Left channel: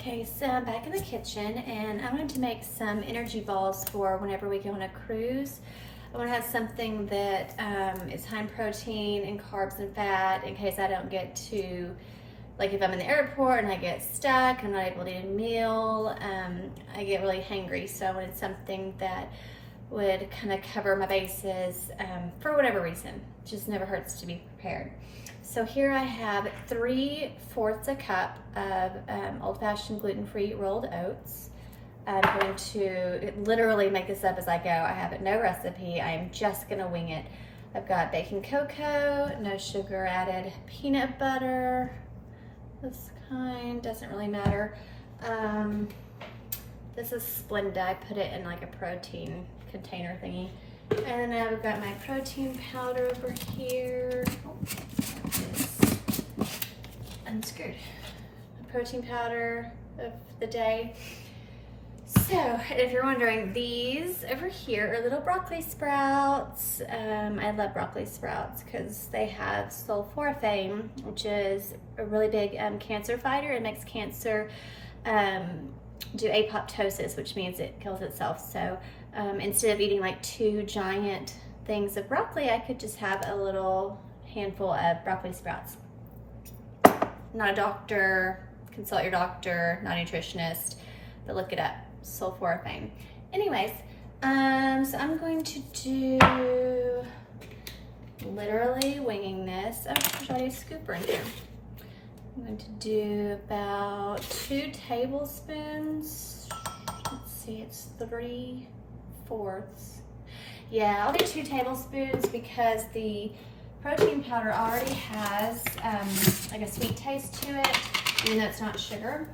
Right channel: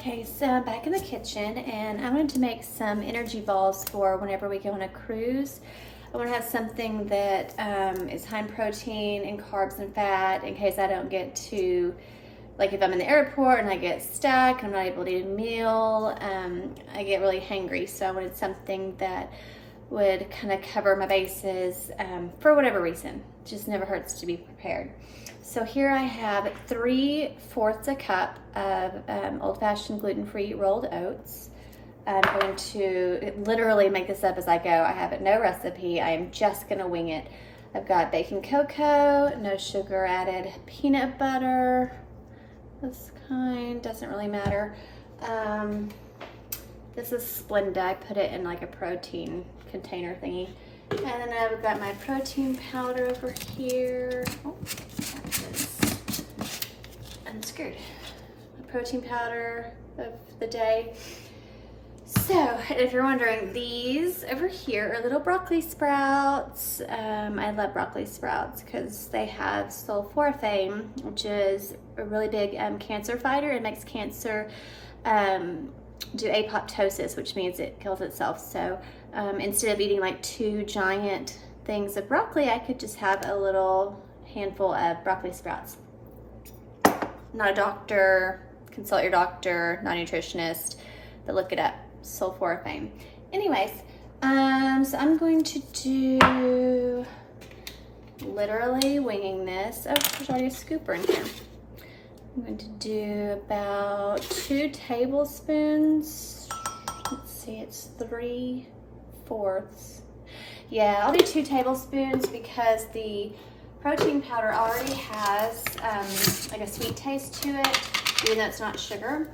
Okay, so I'm back in the kitchen and I'm going to make some energy balls for whenever we go on a cruise. I want to have something that is high in protein and carbs and fat in case I don't get to, like if I'm in the airport and I get stuck, I'm not able to eat a meal, I get really hangry. So I wanted something that would kind of cover my bases for whatever reason. It just never hurts to be prepared. So here I have 3/4 a cup of old-fashioned gluten-free rolled oats. I'm going to literally make this up as I go. I have no recipe. I am just gonna wing it. I've got baking cocoa, no sugar added, peanut butter, this kind, doesn't really matter. This is Splenda. I put it in like a protein container thingy. And then I've got my protein powder over here. Oh, this unscrewed. My protein powder of the day. So, if you're wondering, these over here are little broccoli sprouts. I love broccoli sprouts because they have sulforaphane, which is a really big cancer fighter. It makes cancer do apoptosis, which means it kills itself. So instead of eating like 2 giant things of broccoli, I could just have a little handful of broccoli sprouts. Not a doctor, consult your doctor, not a nutritionist, but look it up, sulforaphane. Anyways, so I'm going to do, literally winging this. Oh, there's already a scooper in here. I'm going to do about 2 tablespoons. Let's see, it's 3/4. Yeah, I'll do 2 tablespoons because the protein powder already has like a sweet taste to it, even though it's not sugar.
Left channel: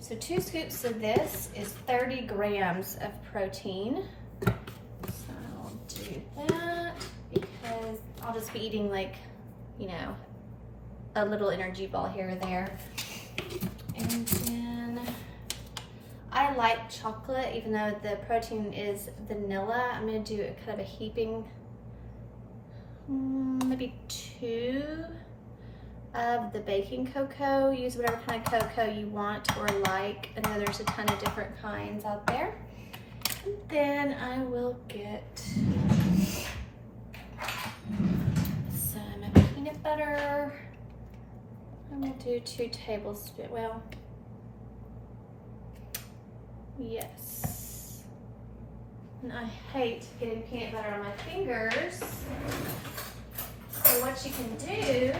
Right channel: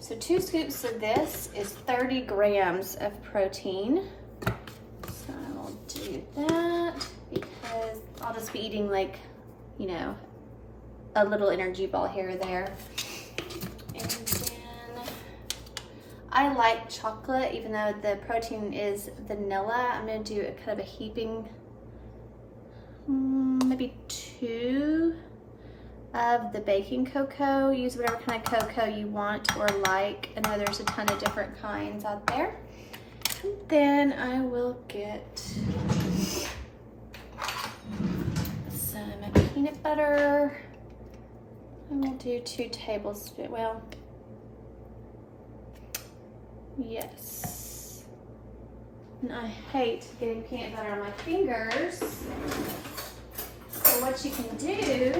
So 2 scoops of this is 30 grams of protein. So I'll do that because I'll just be eating like, you know, a little energy ball here or there. And then I like chocolate, even though the protein is vanilla. I'm gonna do a kind of a heaping, maybe 2 of the baking cocoa. Use whatever kind of cocoa you want or like. I know there's a ton of different kinds out there. And then I will get some peanut butter. And we'll do 2 tablespoons, well, yes. And I hate getting peanut butter on my fingers. So what you can do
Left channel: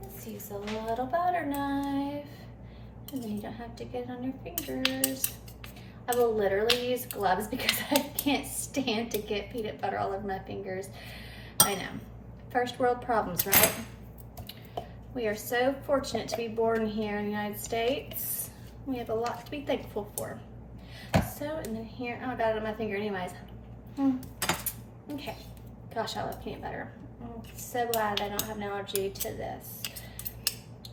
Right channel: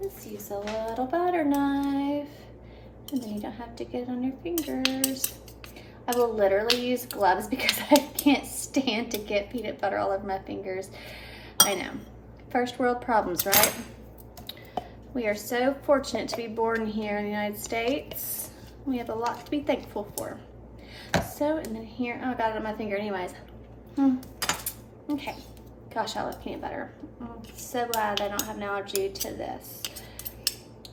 is use a little butter knife, and then you don't have to get it on your fingers. I will literally use gloves because I can't stand to get peanut butter all over my fingers. I know, first world problems, right? We are so fortunate to be born here in the United States. We have a lot to be thankful for. So, and then here, oh, I got it on my finger anyways. Okay, gosh, I love peanut butter. I'm so glad I don't have an allergy to this.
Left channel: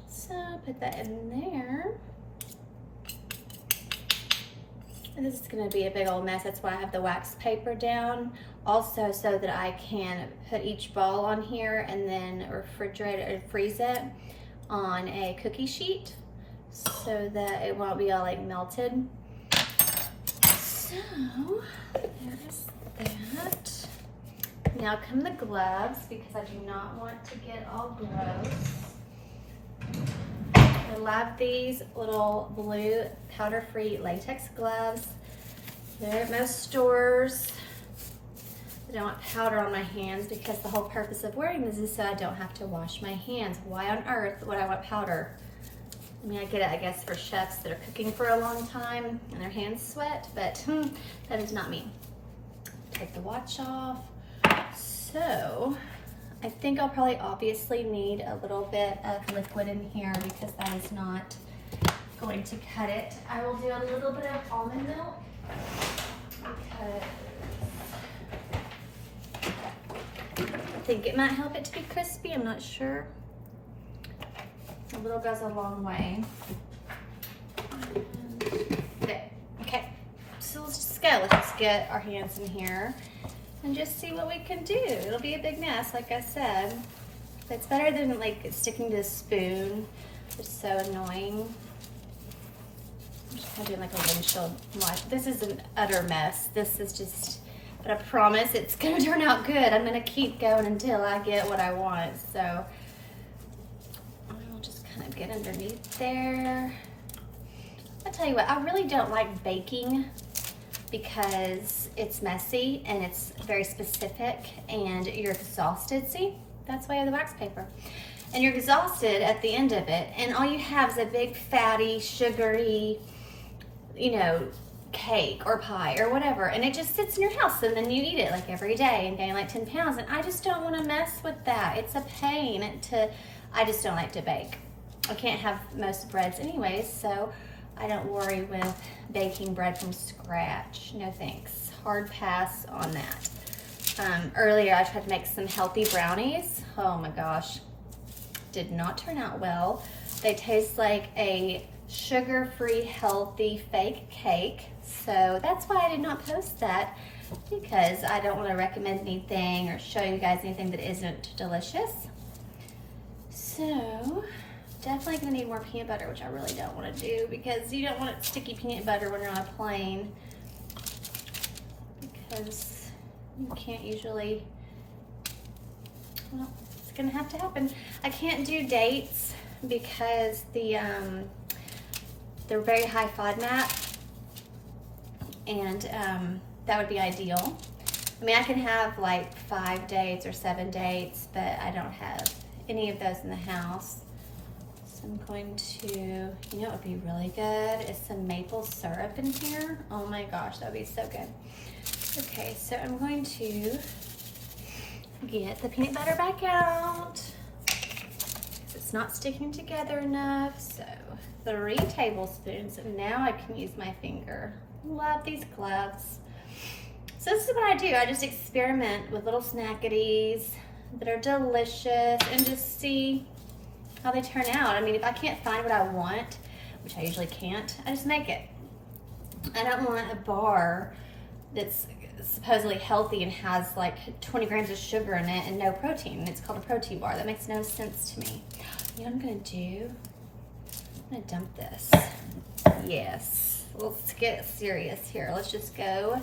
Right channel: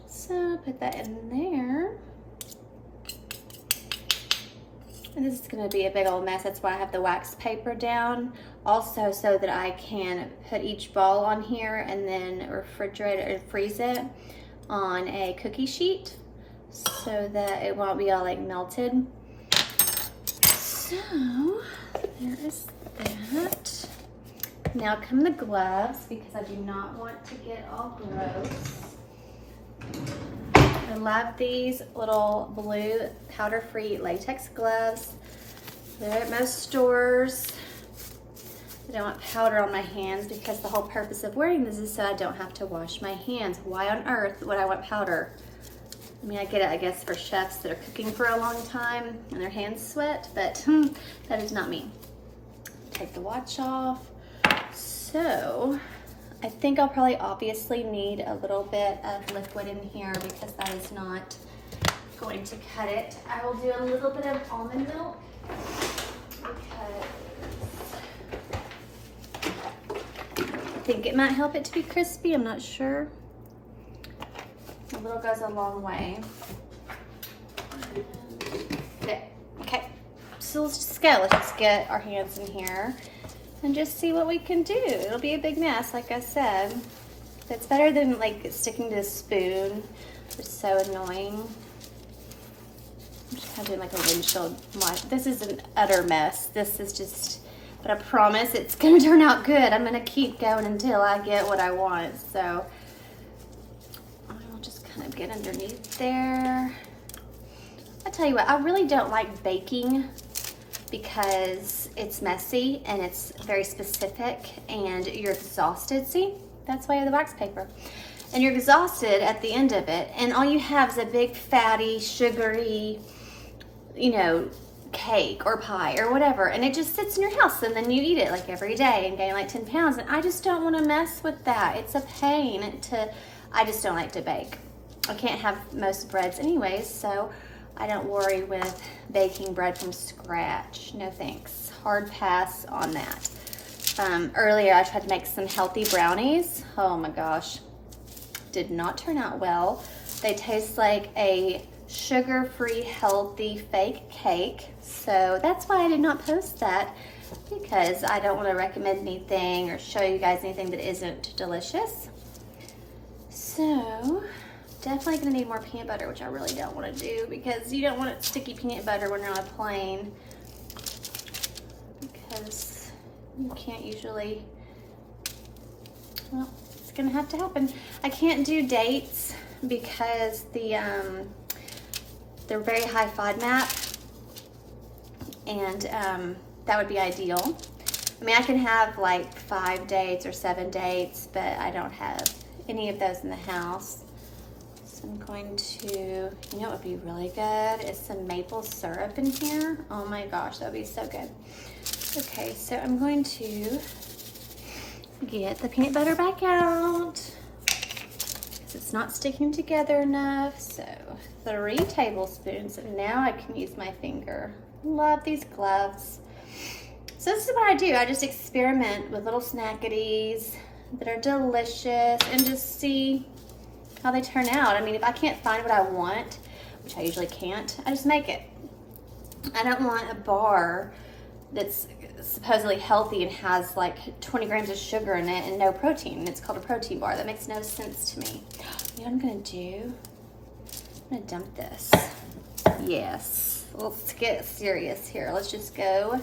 So, put that in there. And this is gonna be a big old mess. That's why I have the wax paper down. Also, so that I can put each ball on here and then refrigerate it or freeze it on a cookie sheet so that it won't be all like melted. So, there is that. Now come the gloves because I do not want to get all gross. I love these little blue powder-free latex gloves. They're at most stores. I don't want powder on my hands because the whole purpose of wearing this is so I don't have to wash my hands. Why on earth would I want powder? I mean, I get it, I guess, for chefs that are cooking for a long time and their hands sweat, but that is not me. Take the watch off. So, I think I'll probably obviously need a little bit of liquid in here because that is not going to cut it. I will do a little bit of almond milk because I think it might help it to be crispy, I'm not sure. A little goes a long way. Okay, so let's just go. Let's just get our hands in here and just see what we can do. It'll be a big mess, like I said. It's better than like sticking to a spoon. It's so annoying. I'm just kind of doing like a windshield. This is an utter mess. This is just, but I promise it's gonna turn out good. I'm gonna keep going until I get what I want. So I'll just kind of get underneath there. I tell you what, I really don't like baking because it's messy and it's very specific and you're exhausted. See, that's why you have the wax paper. And you're exhausted at the end of it, and all you have is a big fatty, sugary, you know, cake or pie or whatever, and it just sits in your house, and then you eat it like every day and gain like 10 pounds, and I just don't want to mess with that. It's a pain I just don't like to bake. I can't have most breads anyways, so I don't worry with baking bread from scratch. No thanks. Hard pass on that. Earlier I tried to make some healthy brownies. Oh my gosh. Did not turn out well. They taste like a sugar-free, healthy, fake cake. So that's why I did not post that, because I don't want to recommend anything or show you guys anything that isn't delicious. So definitely gonna need more peanut butter, which I really don't want to do because you don't want sticky peanut butter when you're on a plane, because you can't usually, well, it's gonna have to happen. I can't do dates because they're very high FODMAP, and that would be ideal. I mean, I can have like 5 dates or 7 dates, but I don't have any of those in the house. So I'm going to, you know what would be really good is some maple syrup in here. Oh my gosh, that would be so good. Okay, so I'm going to get the peanut butter back out because it's not sticking together enough. So 3 tablespoons, and now I can use my finger. Love these gloves. So this is what I do. I just experiment with little snackities that are delicious and just see how they turn out. I mean, if I can't find what I want, which I usually can't, I just make it. I don't want a bar that's supposedly healthy and has like 20 grams of sugar in it and no protein. It's called a protein bar. That makes no sense to me. You know what I'm gonna do? I'm gonna dump this. Yes, let's get serious here. Let's just go.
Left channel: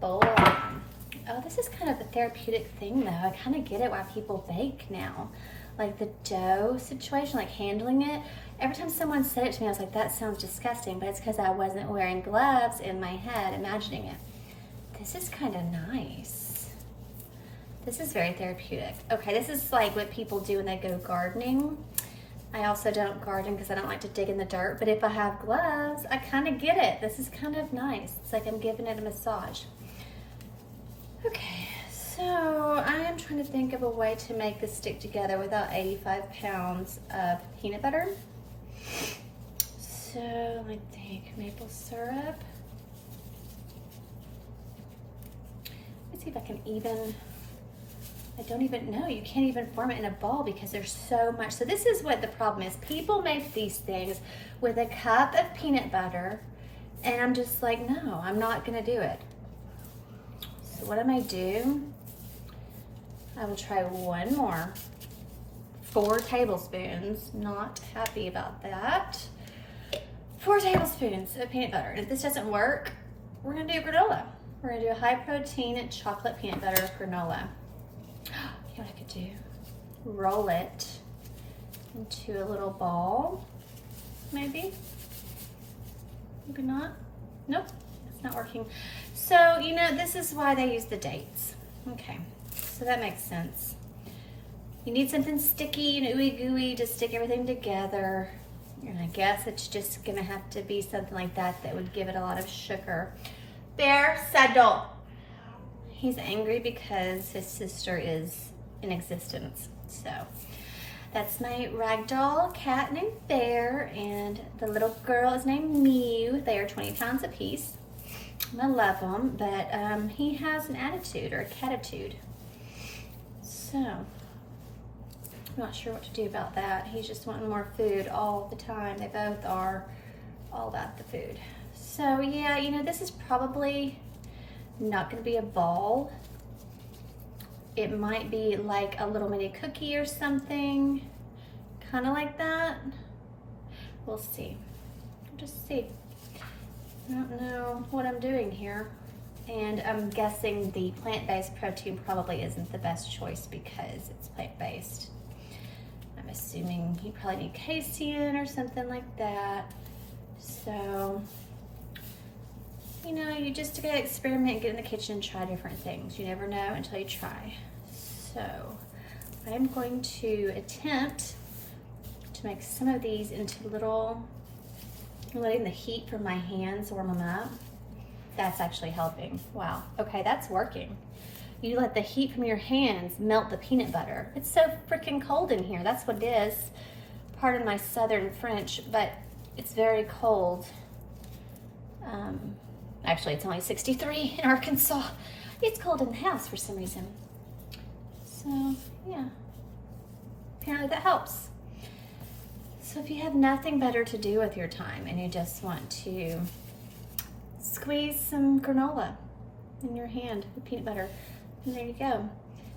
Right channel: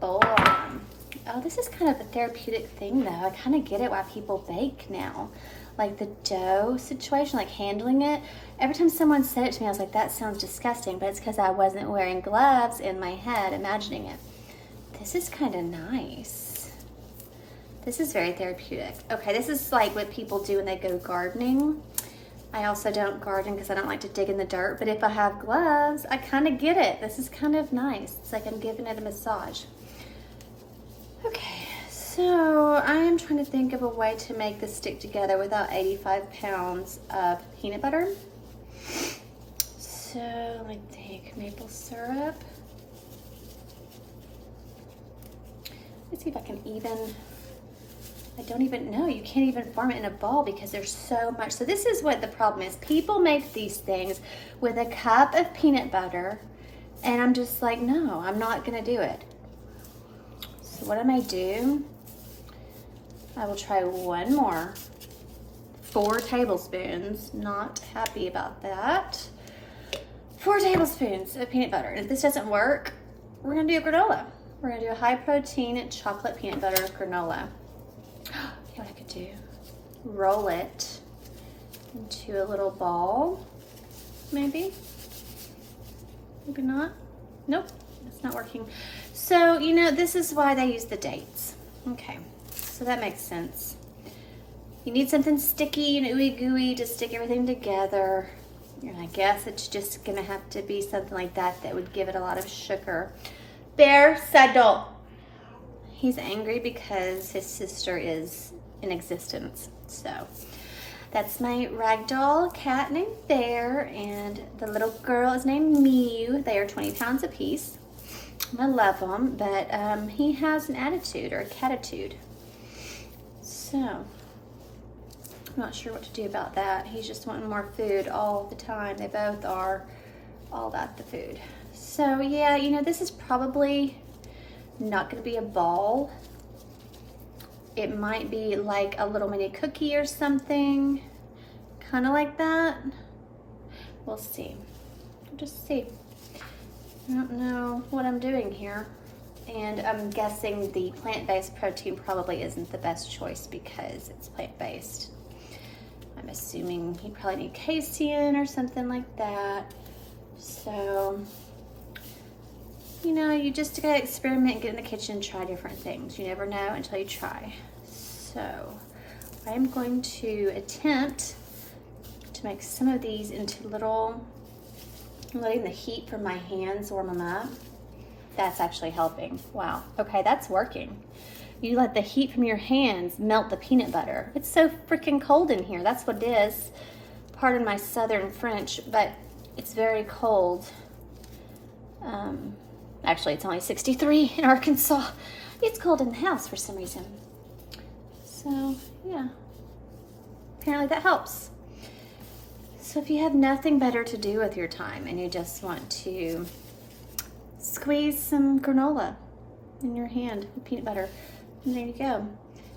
Boom. Oh, this is kind of a therapeutic thing though. I kind of get it why people bake now. Like the dough situation, like handling it. Every time someone said it to me, I was like, that sounds disgusting, but it's because I wasn't wearing gloves in my head imagining it. This is kind of nice. This is very therapeutic. Okay, this is like what people do when they go gardening. I also don't garden because I don't like to dig in the dirt, but if I have gloves, I kind of get it. This is kind of nice. It's like I'm giving it a massage. Okay, so I am trying to think of a way to make this stick together without 85 pounds of peanut butter. So let me take maple syrup. Let's see if I can even, I don't even know, you can't even form it in a ball because there's so much. So this is what the problem is. People make these things with a cup of peanut butter, and I'm just like, no, I'm not gonna do it. So what I may do, I will try one more. 4 tablespoons, not happy about that. 4 tablespoons of peanut butter. And if this doesn't work, we're gonna do a granola. We're gonna do a high protein chocolate peanut butter granola. You know what I could do? Roll it into a little ball, maybe. Maybe not. Nope, it's not working. So, you know, this is why they use the dates. Okay, so that makes sense. You need something sticky and ooey gooey to stick everything together. And I guess it's just gonna have to be something like that that would give it a lot of sugar. Bear, settle. He's angry because his sister is in existence. So that's my ragdoll cat named Bear, and the little girl is named Mew. They are 20 pounds apiece. I love him, but he has an attitude or a catitude. So I'm not sure what to do about that. He's just wanting more food all the time. They both are all about the food. So yeah, you know, this is probably not gonna be a ball. It might be like a little mini cookie or something, kind of like that. We'll see. I'm just see. I don't know what I'm doing here. And I'm guessing the plant-based protein probably isn't the best choice because it's plant-based. I'm assuming you probably need casein or something like that. So, you know, you just gotta experiment, get in the kitchen, try different things. You never know until you try. So, I'm going to attempt to make some of these into little, letting the heat from my hands warm them up. That's actually helping. Wow. Okay, that's working. You let the heat from your hands melt the peanut butter. It's so freaking cold in here. That's what it is. Pardon my southern French, but it's very cold. Actually, it's only 63 in Arkansas. It's cold in the house for some reason. So, yeah. Apparently that helps. So if you have nothing better to do with your time and you just want to squeeze some granola in your hand with peanut butter, and there you go.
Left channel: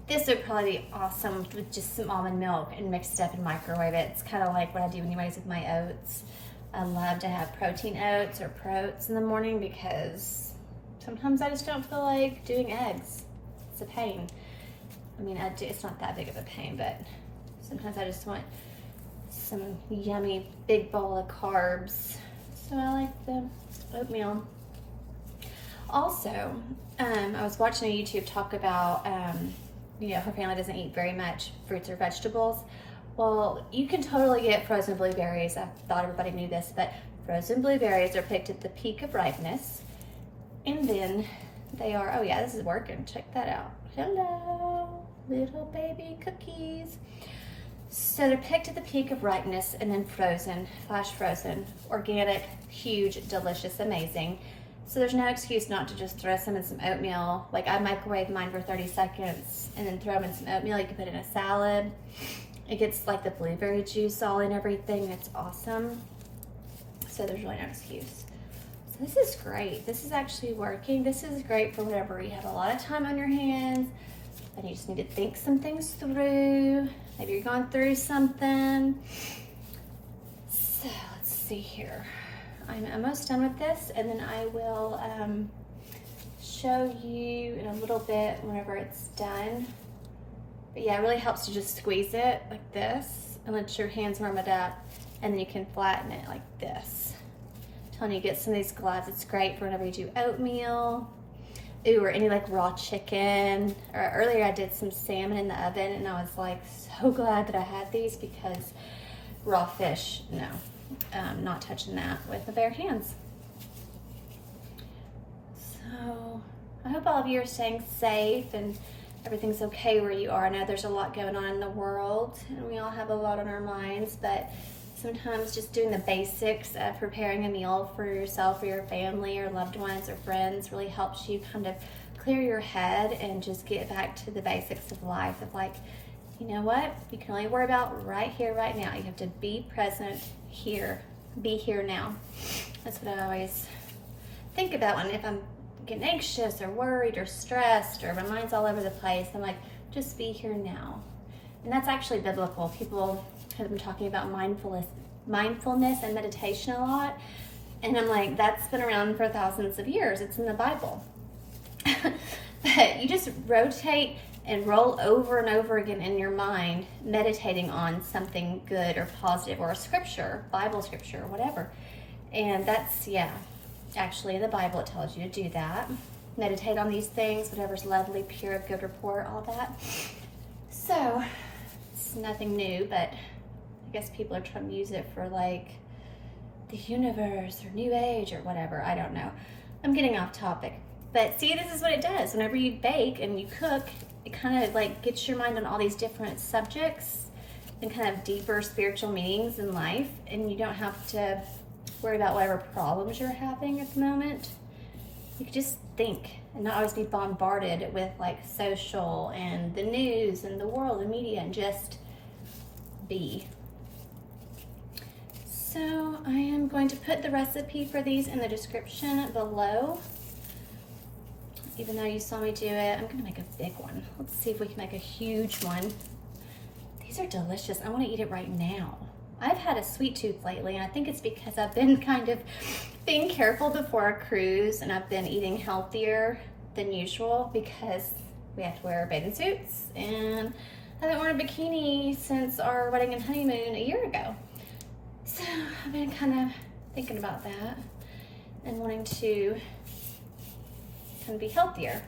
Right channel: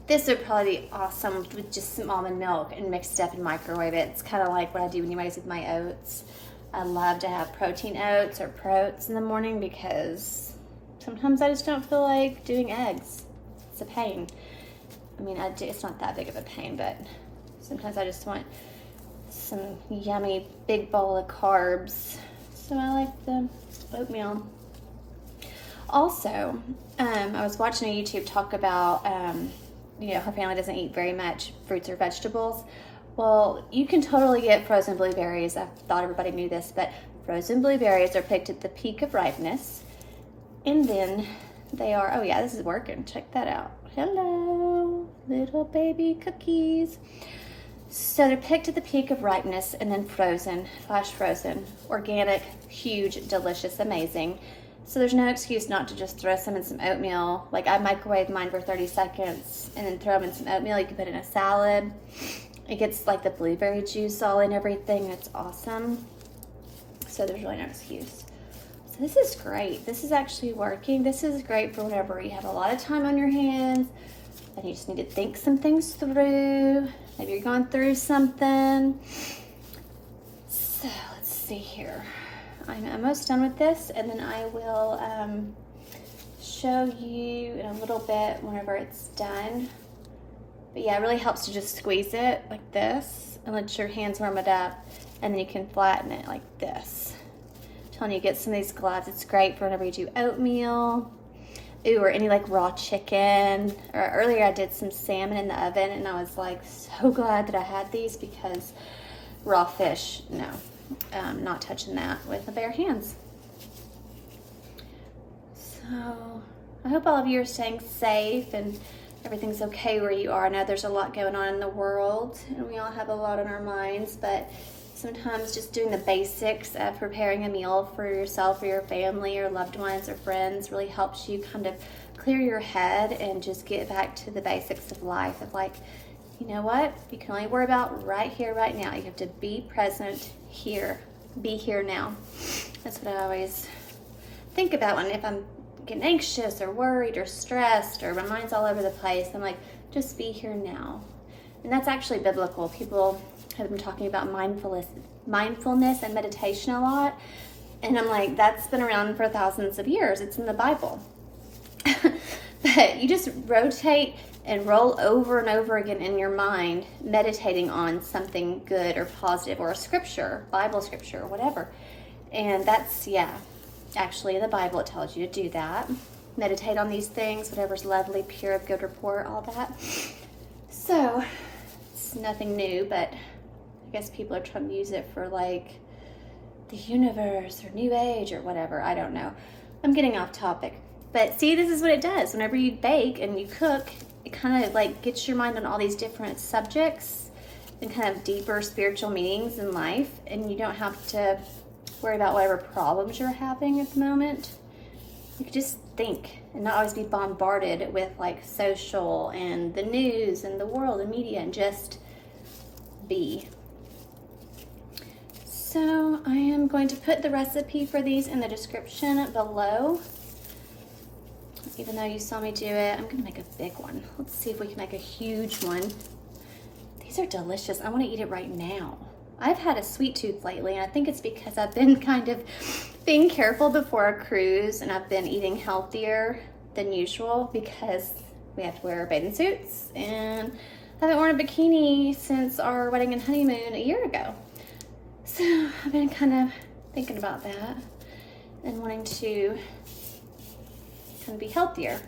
This would probably be awesome with just some almond milk and mixed up and microwave it. It's kind of like what I do anyways with my oats. I love to have protein oats or proats in the morning because sometimes I just don't feel like doing eggs. It's a pain. I mean, it's not that big of a pain, but sometimes I just want some yummy big bowl of carbs. So I like the oatmeal. Also, I was watching a YouTube talk about, you know, her family doesn't eat very much fruits or vegetables. Well, you can totally get frozen blueberries. I thought everybody knew this, but frozen blueberries are picked at the peak of ripeness. And then they are, oh yeah, this is working. Check that out. Hello, little baby cookies. So they're picked at the peak of ripeness and then frozen, flash frozen, organic, huge, delicious, amazing. So there's no excuse not to just throw some in some oatmeal. Like I microwave mine for 30 seconds and then throw them in some oatmeal. You can put it in a salad. It gets like the blueberry juice all in everything. It's awesome. So there's really no excuse. So this is great. This is actually working. This is great for whatever you have a lot of time on your hands and you just need to think some things through. Maybe you're going through something. So let's see here. I'm almost done with this, and then I will show you in a little bit whenever it's done. But yeah, it really helps to just squeeze it like this and let your hands warm it up, and then you can flatten it like this. I'm telling you, get some of these globs. It's great for whenever you do oatmeal, or any like raw chicken. Or earlier I did some salmon in the oven, and I was like so glad that I had these because raw fish, no. Not touching that with the bare hands. So I hope all of you are staying safe and everything's okay where you are. I know there's a lot going on in the world and we all have a lot on our minds, but sometimes just doing the basics of preparing a meal for yourself or your family or loved ones or friends really helps you kind of clear your head and just get back to the basics of life of like, you know what? You can only worry about right here, right now. You have to be present here. Be here now. That's what I always think about when if I'm getting anxious or worried or stressed or my mind's all over the place. I'm like, just be here now. And that's actually biblical. People have been talking about mindfulness and meditation a lot. And I'm like, that's been around for thousands of years. It's in the Bible. But you just rotate and roll over and over again in your mind, meditating on something good or positive or a scripture, Bible scripture or whatever. And that's, yeah, actually the Bible, it tells you to do that. Meditate on these things, whatever's lovely, pure, of good report, all that. So, it's nothing new, but I guess people are trying to use it for like the universe or new age or whatever. I don't know. I'm getting off topic. But see, this is what it does. Whenever you bake and you cook, it kind of like gets your mind on all these different subjects and kind of deeper spiritual meanings in life. And you don't have to worry about whatever problems you're having at the moment. You can just think and not always be bombarded with like social and the news and the world and media, and just be. So I am going to put the recipe for these in the description below. Even though you saw me do it, I'm gonna make a big one. Let's see if we can make a huge one. These are delicious. I wanna eat it right now. I've had a sweet tooth lately, and I think it's because I've been kind of being careful before a cruise, and I've been eating healthier than usual because we have to wear bathing suits, and I haven't worn a bikini since our wedding and honeymoon a year ago. So I've been kind of thinking about that and wanting to kind of be healthier.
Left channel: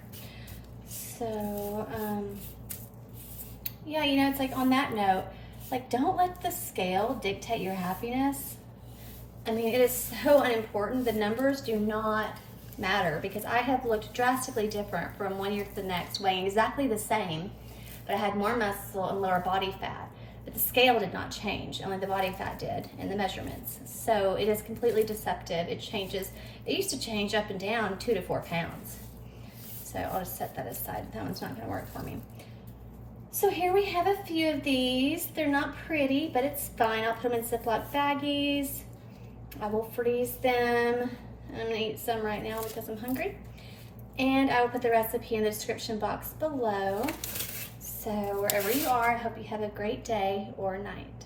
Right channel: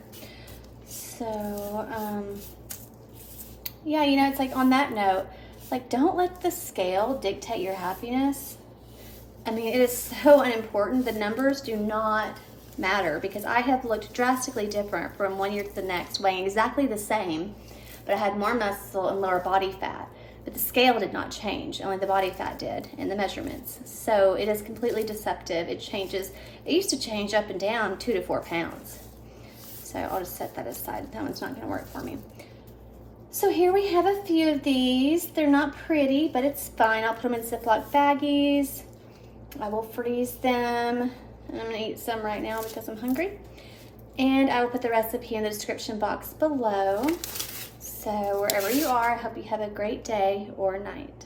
So, yeah, you know, it's like on that note, like, don't let the scale dictate your happiness. I mean, it is so unimportant. The numbers do not matter, because I have looked drastically different from one year to the next, weighing exactly the same, but I had more muscle and lower body fat. But the scale did not change, only the body fat did in the measurements. So it is completely deceptive. It changes. It used to change up and down 2 to 4 pounds. So I'll just set that aside. That one's not going to work for me. So here we have a few of these. They're not pretty, but it's fine. I'll put them in Ziploc baggies. I will freeze them. I'm going to eat some right now because I'm hungry. And I will put the recipe in the description box below. So wherever you are, I hope you have a great day or night.